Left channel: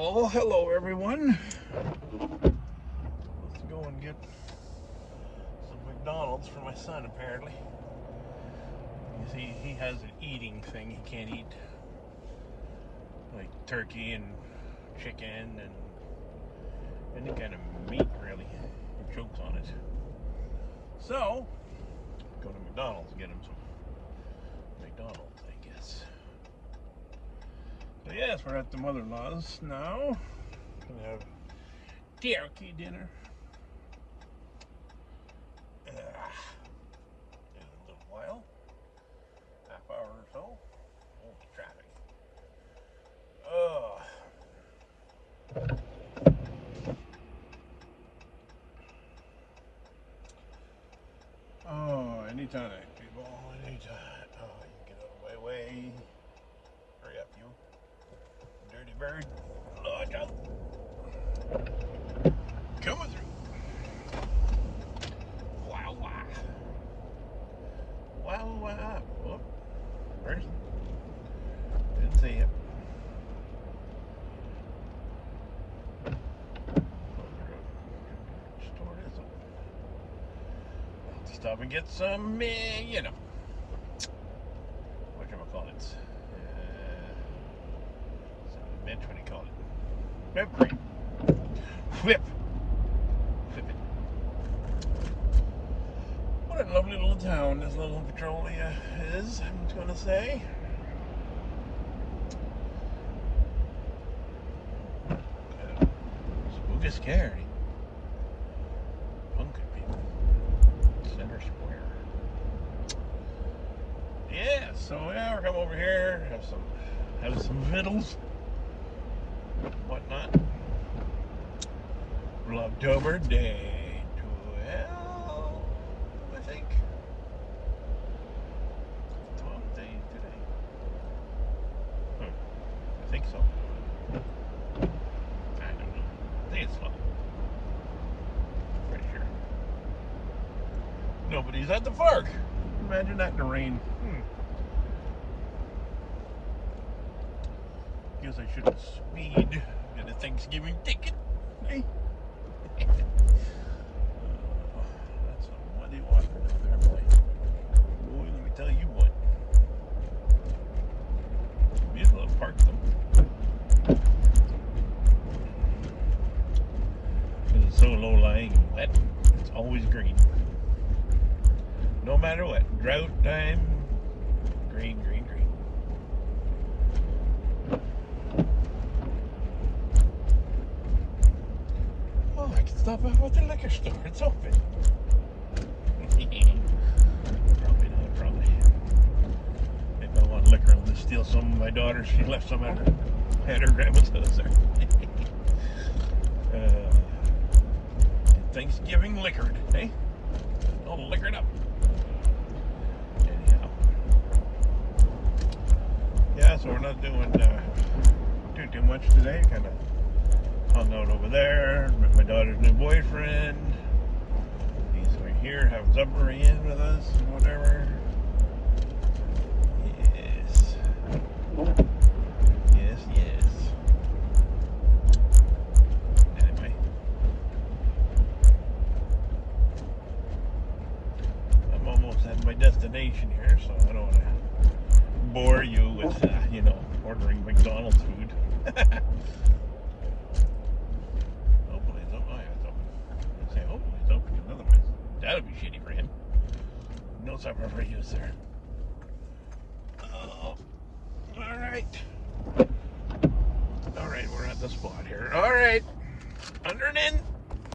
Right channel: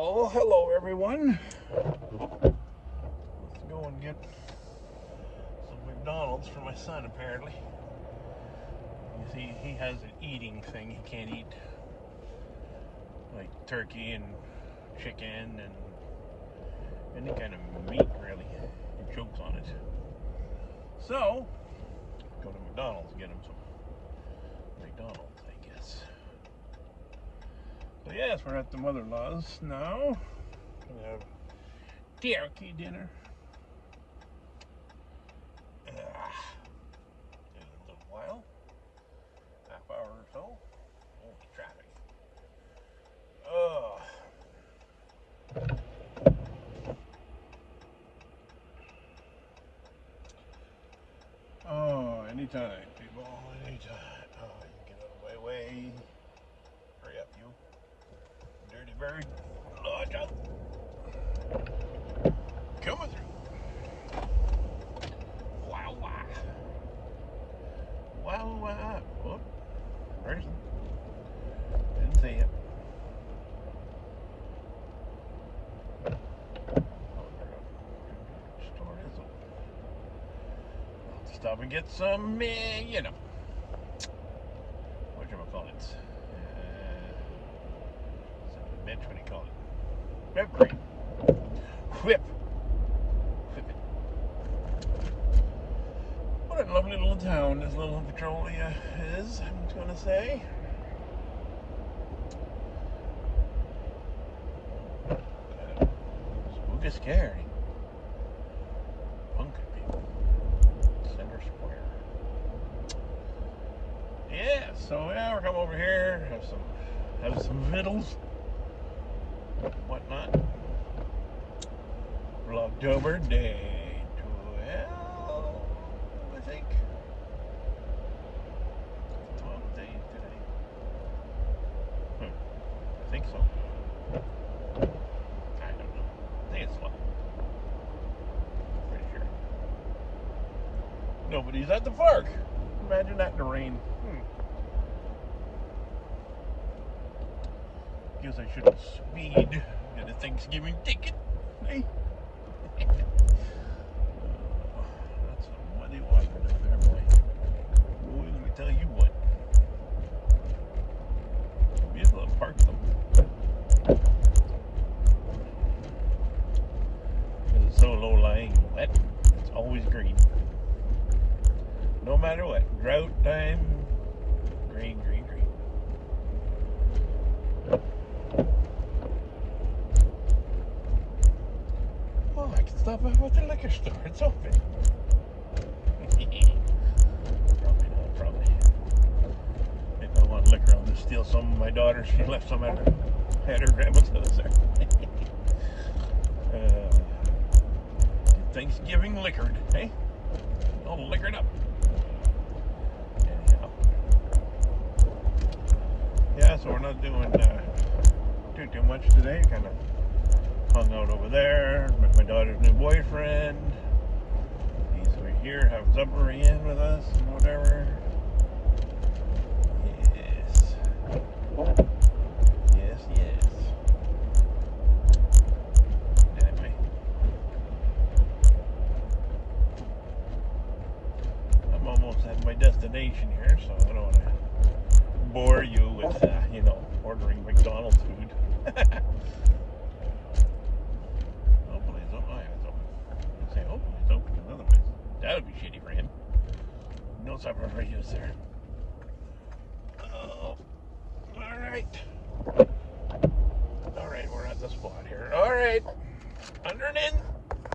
Well, hello everyone. Let's go and get some McDonald's for my son apparently. You see, he has an eating thing. He can't eat like turkey and chicken and any kind of meat really. He chokes on it. So, go to McDonald's and get him some McDonald's, I guess. So yes, we're at the mother-in-law's now. Gonna have turkey dinner. In a little while, half hour or so. Oh, traffic. Oh, anytime, people, anytime. Oh, you can get out of my way. Hurry up, you dirty bird. Oh, I got coming through. Wow, wow. Wow, wow. Oh, where is he? Didn't see it. Store is open. Stop and get some, you know, whatchamacallit. Bitch, what do you call it? Whipped cream. Whip it. What a lovely little town this little Petrolia is, I'm gonna say. Spooky scary. Pumpkin people. Center Square. Yeah, so yeah, we're coming over here, have some vittles. Whatnot. Vlogtober day 12, I think. What day today? I think so. I don't know. I think it's 12. Pretty sure. Nobody's at the park. Imagine that in the rain. Guess I should speed. Get a Thanksgiving ticket. Hey. That's a muddy water down there, boy. Boy, let me tell you what. Be a little park though. It's so low lying and wet. It's always green. No matter what. Drought time. Green, green, green. Stop off at the liquor store. It's open. Probably. If I want liquor, I'll just steal some of my daughter's. She left some at her grandma's house there. Thanksgiving liquored, hey? All liquored up. Anyhow. Yeah, so we're not doing too much today. Kind of hung out over there, met my daughter's new boyfriend. He's over here having supper again with us and whatever. Yes. Yes, yes. Anyway. I'm almost at my destination here, so I don't want to bore you with, you know, ordering McDonald's food. That would be shitty for him. No supper for you, sir. Alright. Alright, we're at the spot here. Alright. Under and in.